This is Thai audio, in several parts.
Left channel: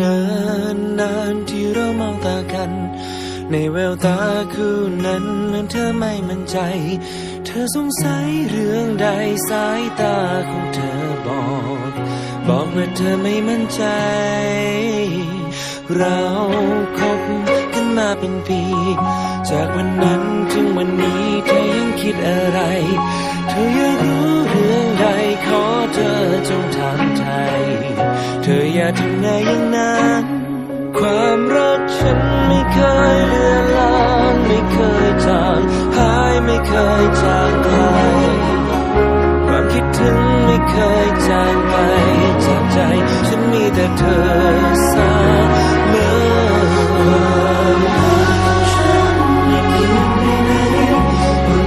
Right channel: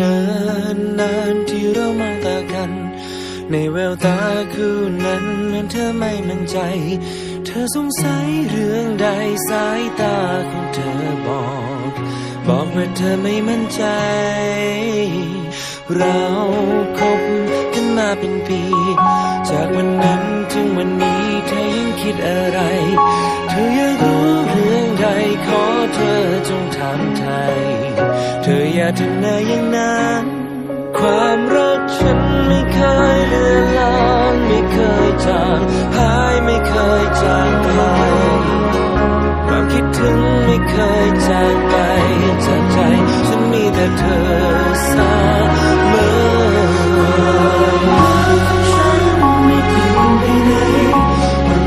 นานนานที่เรามองตากัน ในแววตาคู่นั้นเหมือนเธอไม่มั่นใจ เธอสงสัยเรื่องใดสายตาของเธอบอก บอกว่าเธอไม่มั่นใจ เราคบกันมาเป็นปี จากวันนั้นถึงวันนี้เธอยังคิดอะไร เธออยากรู้เรื่องใดขอเธอจงถามไทย เธออย่าทำหน้าอย่างนั้นความรักฉันไม่เคยเลือนลางไม่เคยจางหายไม่เคยจางใครความคิดถึง ไม่เคยจางไปจากใจ ฉันมีแต่เธอเสมอฉันไม่เปลี่ยนไปไหนความ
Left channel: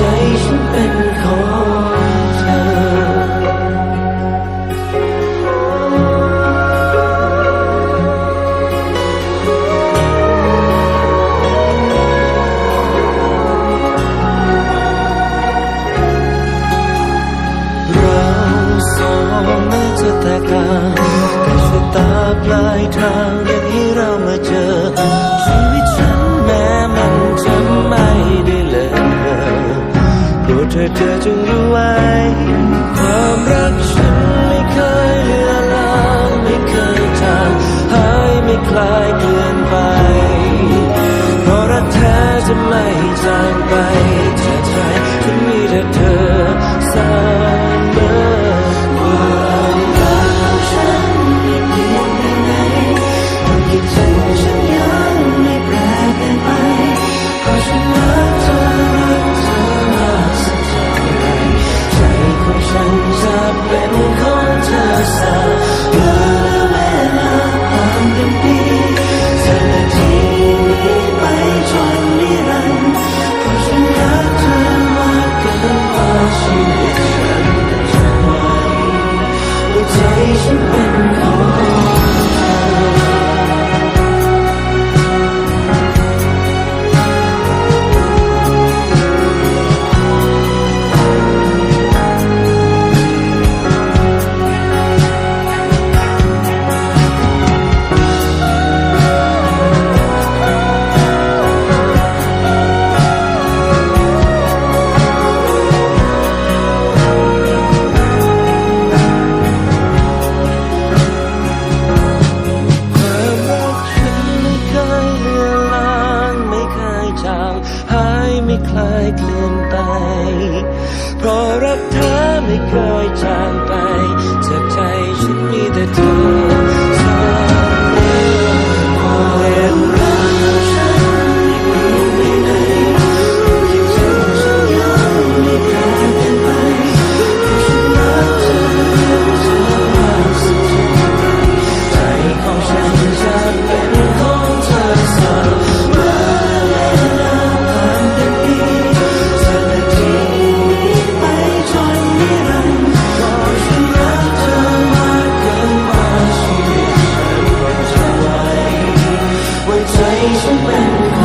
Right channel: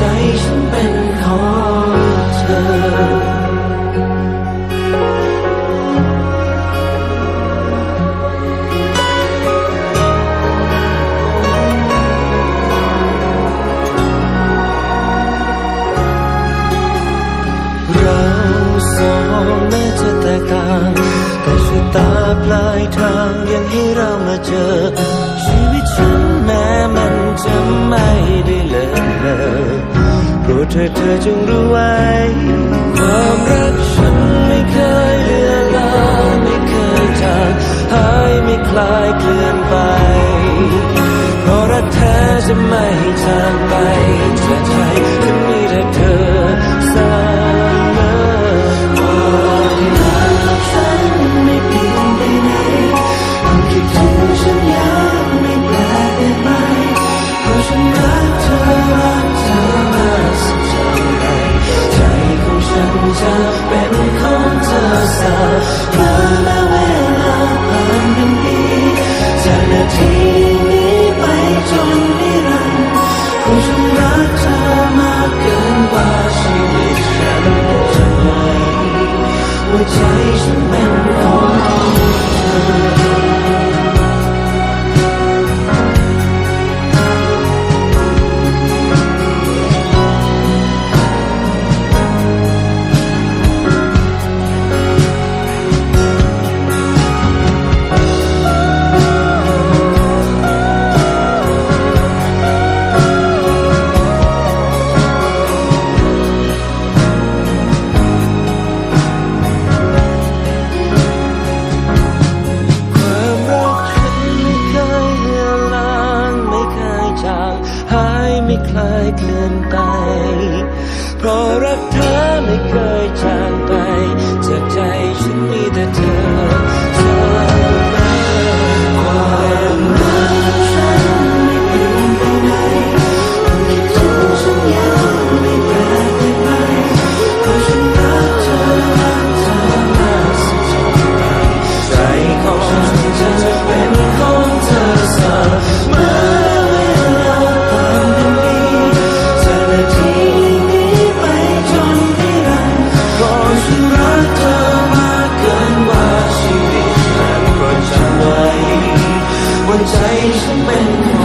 ใจฉันเป็นของเธอเราสองแม้จะแตกต่างแต่ชะตาปลายทางยังให้เรามาเจอ ชีวิตฉันแม้มันจะไม่ได้ โปรดเธอเธอจงรู้ไว้ ความรักฉันไม่เคยเลือนลางไม่เคยจางหายไม่คลายเกลื่อนไป เพราะรักแท้จะไม่จางไปจากใจฉันมีแต่เธอ เธอเมอและเวลาผ่านเป็นปีจากนาทีนี้ไปจนนิรันดร์เพราะฉันรักเธอมากเกินกว่าชีวิตฉันจะไหวหัวใจฉันเป็น จางหายไม่คลายเคลื่อนไป เพราะรักเธอไม่เคยจางไป จากใจฉันมีแต่เธอ saves the man